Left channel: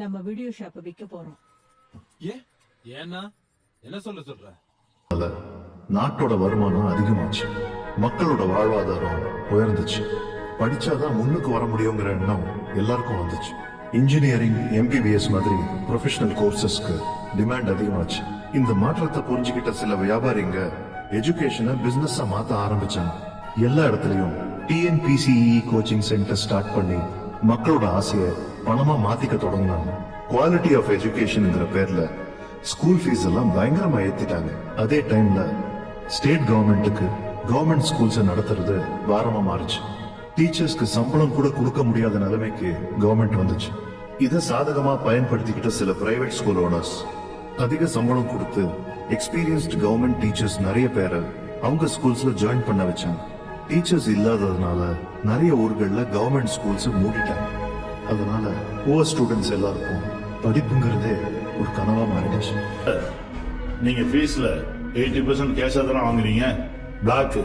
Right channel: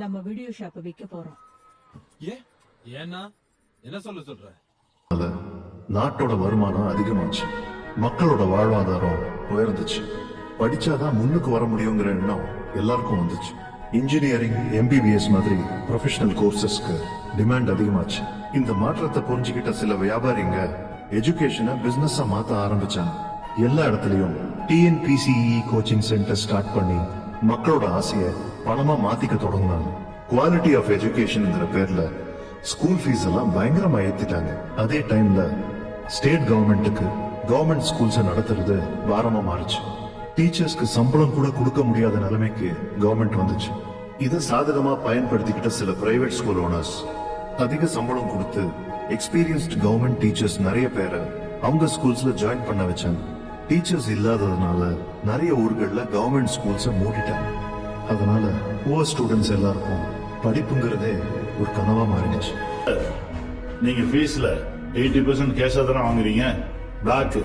நம்ம video shop விற்க போறோம். ஏன்னா என்ன சொல்ற? நாட்டோட வருமானம் அதிகமாச்சு, மக்களோட வாழ்வாதாரம் உயர்ந்துச்சு. படிச்சாதான் முன்னுக்கு வர முடியுங்கிற எண்ணம் எல்லாருக்கும் வந்துச்சு. இன்ஜினியரிங், MBBS மாதிரி ப்ரொஃபஷனல் கோர்சஸ்க்கு டிமாண்ட் அதிகமாச்சு. இந்த மாற்றத்தை புரிஞ்சுக்கிட்ட சில வியாபாரிங்க எஜுகேஷனை பிசினஸா மாத்த ஆரம்பிச்சாங்க. எல்லா இடத்துலயும் TNPCE கோச்சிங் சென்டர் ஸ்டார்ட் பண்ணி மக்களோட ஆசைய பணமா மாத்திக்க தொடங்கினாங்க. குவாலிட்டி ஆஃப் எஜுகேஷன்ங்கிற பேர்ல ஸ்கூல் ஃபீஸ் எல்லாம் பயங்கரமா ஏத்திட்டாங்க. அதே டைம்ல ஸ்டேட் கவர்மெண்ட்டுக்கு கவர்மெண்ட் ஸ்கூல்ஸ் நடத்துறது பாரமா மாறுச்சு. டீச்சர்ஸ்க்கு சம்பளம் கூட கொடுக்க முடியாத நிலைமைக்கு கவர்மெண்ட் வந்துச்சு. இதை சாதகமா பயன்படுத்திக்கிட்ட சில பிரைவேட் ஸ்கூல் ஓனர்ஸ் அதிக சம்பளம் கொடுத்து எக்ஸ்பீரியன்ஸ்ட் கவர்மெண்ட் டீச்சர்ஸ் நிறைய பேரை அவங்க ஸ்கூல்ஸ்ல ஜாயின் பண்ண வச்சாங்க. டீச்சர்ஸ் இல்லாததுனால நிறைய ஊர்கள்ல கவர்மெண்ட் ஸ்கூல்ஸ் மூடிட்டாங்க. அதனால புவர் ஸ்டூடெண்ட்ஸ் எல்லாருக்கும் படிப்புங்கிறதே ஒரு கனவா மாறிடுச்சு. நீங்க ஃபீஸ்ல 80% கேஷா தானே வாங்குறீங்க. பிளாக்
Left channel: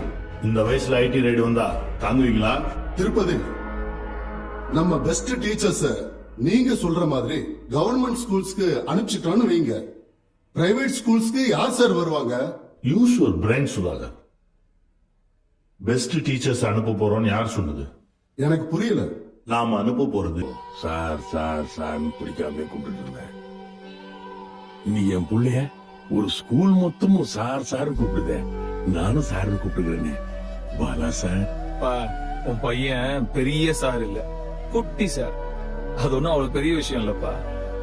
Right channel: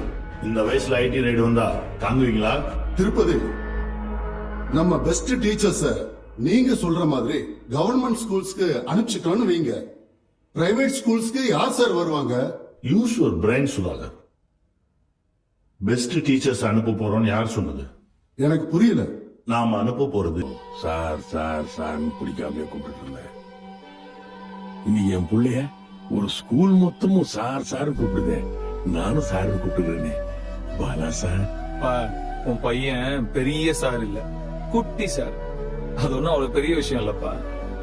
இந்த வயசுல IT ரைடு வந்தா தாங்குவீங்களா? திருப்பதி, நம்ம பெஸ்ட் டீச்சர்ஸ் நீங்க சொல்ற மாதிரி கவர்மெண்ட் ஸ்கூல்ஸ்க்கு அனுப்பிச்சிட்டோன்னு வைங்க, பிரைவேட் ஸ்கூல்ஸ்க்கு யார் சார் வருவாங்க? Use your brain Sudhakar. Best teachers அனுப்ப போறோம்னு யார் சொன்னது? எனக்கு புரியல. நாம அனுப்ப போறது சார் சார் சார் பிடிக்காம கூப்பிட்டு இருந்தேன். இன்னைக்கு என் பிள்ளைய ஒரு ஸ்கூல் மொத்தமும் சார் சார் கூப்பிடுதே, நானும் சார் கூப்பிட்டுக்கிறேனே. பாலா சார், உன் பையன் பெரிய சார் இல்ல, குட்டி சார். அது ஒன்னும் அவ்வளவு பெரிய விஷயம் இல்லப்பா.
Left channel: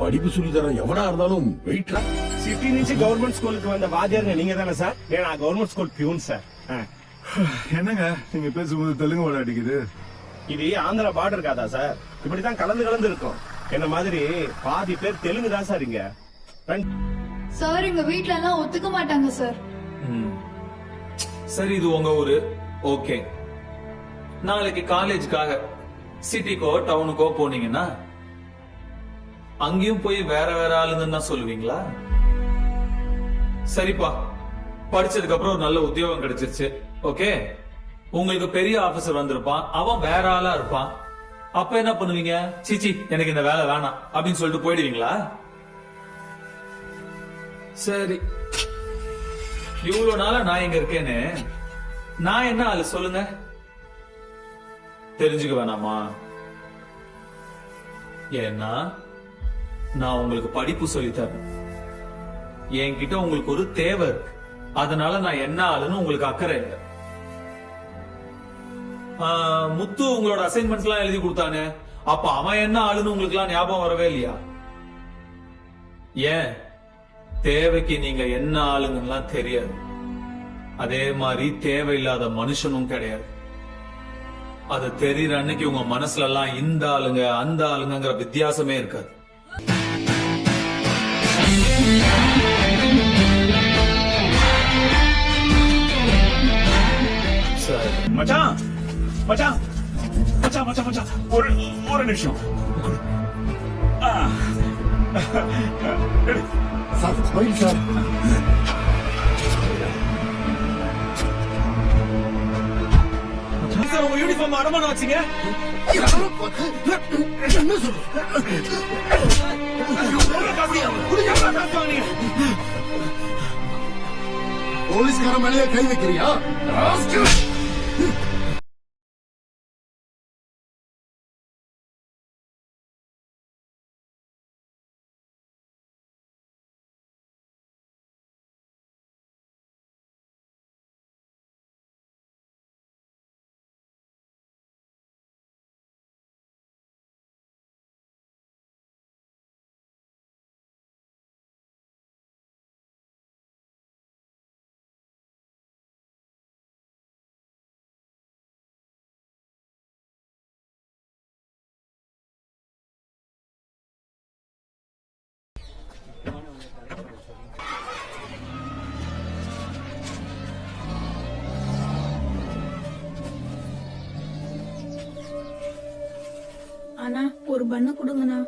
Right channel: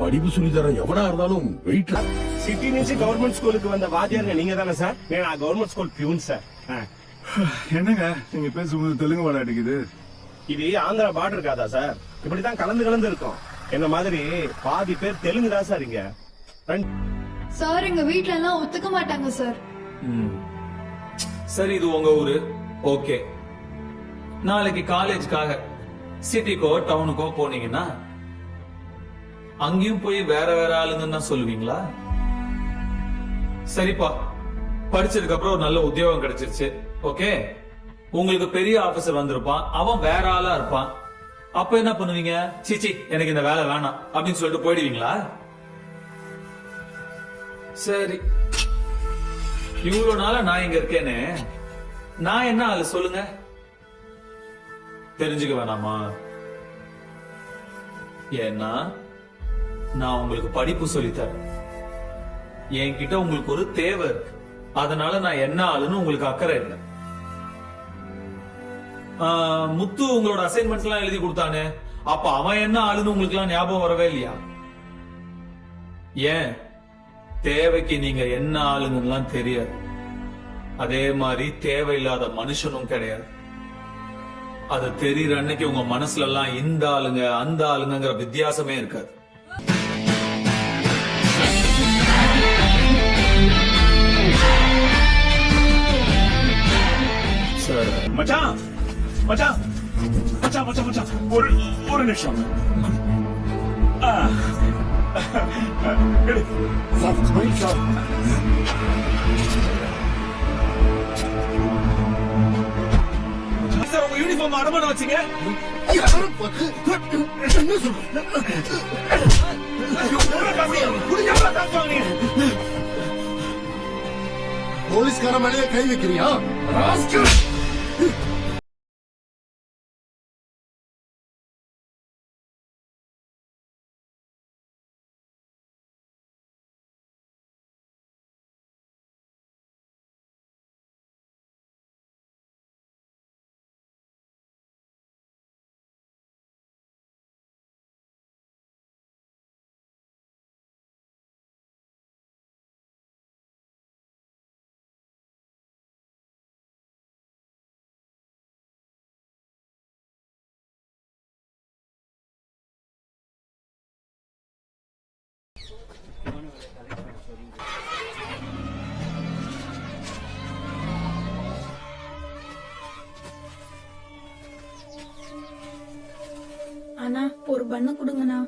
படிப்பு சொல்லி தர எவனா இருந்தாலும் வெயிட். சிட்டி నుంచి கவர்மெண்ட் ஸ்கூலுக்கு வந்த வாத்தியார் நீங்க தானே சார்? நான் கவர்மெண்ட் ஸ்கூல் பியூன் சார். என்னங்க நீங்க பேசும்போது தெலுங்கு வட அடிக்குது. இது ஆந்திரா பார்டர் காதா சார்? இப்படிதான் கலந்து இருக்கும். என்ன மாதிரி பாதி பேர் தெலுங்கு தான் சார் இங்க. சார் எங்க வீட்ல எல்லாம் ஒத்துக்க மாட்டாங்க சார். சரி, இது உங்க ஊரு, ஓகே. நாளைக்கு காலேஜ்க்காக சிட்டிக்கோ டவுனுக்கோ போனீங்கன்னா அங்கேயும் போய் வேற வேற ஆளுங்கன்னு தான் சொல்லுவீங்களா? சரிப்பா, படிச்சதுக்கு அப்புறம் ஒரு நல்ல உத்தியோகம் கிடைச்சிருச்சு, ஓகே. உங்களுக்கு பெரிய ஆபீசர் வந்திருப்பான், அவன் வேற ஆளா இருப்பான். அப்ப என்ன பண்ணுவீங்க? சீச்சி, எனக்கு இந்த வேலை வேணாம் அப்படின்னு சொல்லிட்டு போயிடுவீங்களா? சரி, இவ்வளவு நாளா நான் இங்க இருக்கேனே, நான் என்ன ஆளு சொல்லுங்க? தெரிஞ்சுக்க வேணாமா? ஏன்னா நான் உங்களுக்கு படிப்பு சொல்லித்தரேன். என்கிட்ட உங்களுக்கு ஒரு தேவை இருக்கு, அதனால நான் என்ன ஆளுன்னு உங்களுக்கு அக்கறை இல்லை. முத்து உங்களோட அசைன்மெண்ட்ஸ் எல்லாம் எழுதி கொடுத்தானே, அப்ப அவன் என்ன ஆளுன்னு உங்களுக்கு எல்லாம் ஞாபகம் வரவே இல்லையா? ஏன்? தேவைக்கு நீங்க என்ன ஆளுன்னு தெரியாது. அதே மாதிரி தேவையில்லாத மனுஷனும் கிடையாது. அது தெரியற அன்னைக்கு உங்க மனசுல எல்லாம் இந்த ஆளுங்க அந்த ஆளுங்கிற வித்தியாசமே இருக்காது. மச்சான் மச்சான் மச்சான் மச்சான் மச்சான் ஒரு நிமிஷம். உங்க யூனிஃபார்ம் அடமான வச்சுங்க. போலீஸ்கார மேலேயே கை வைக்கிறியா? அண்ணா ஒரு பண்ணு கொடுங்கண்ணா.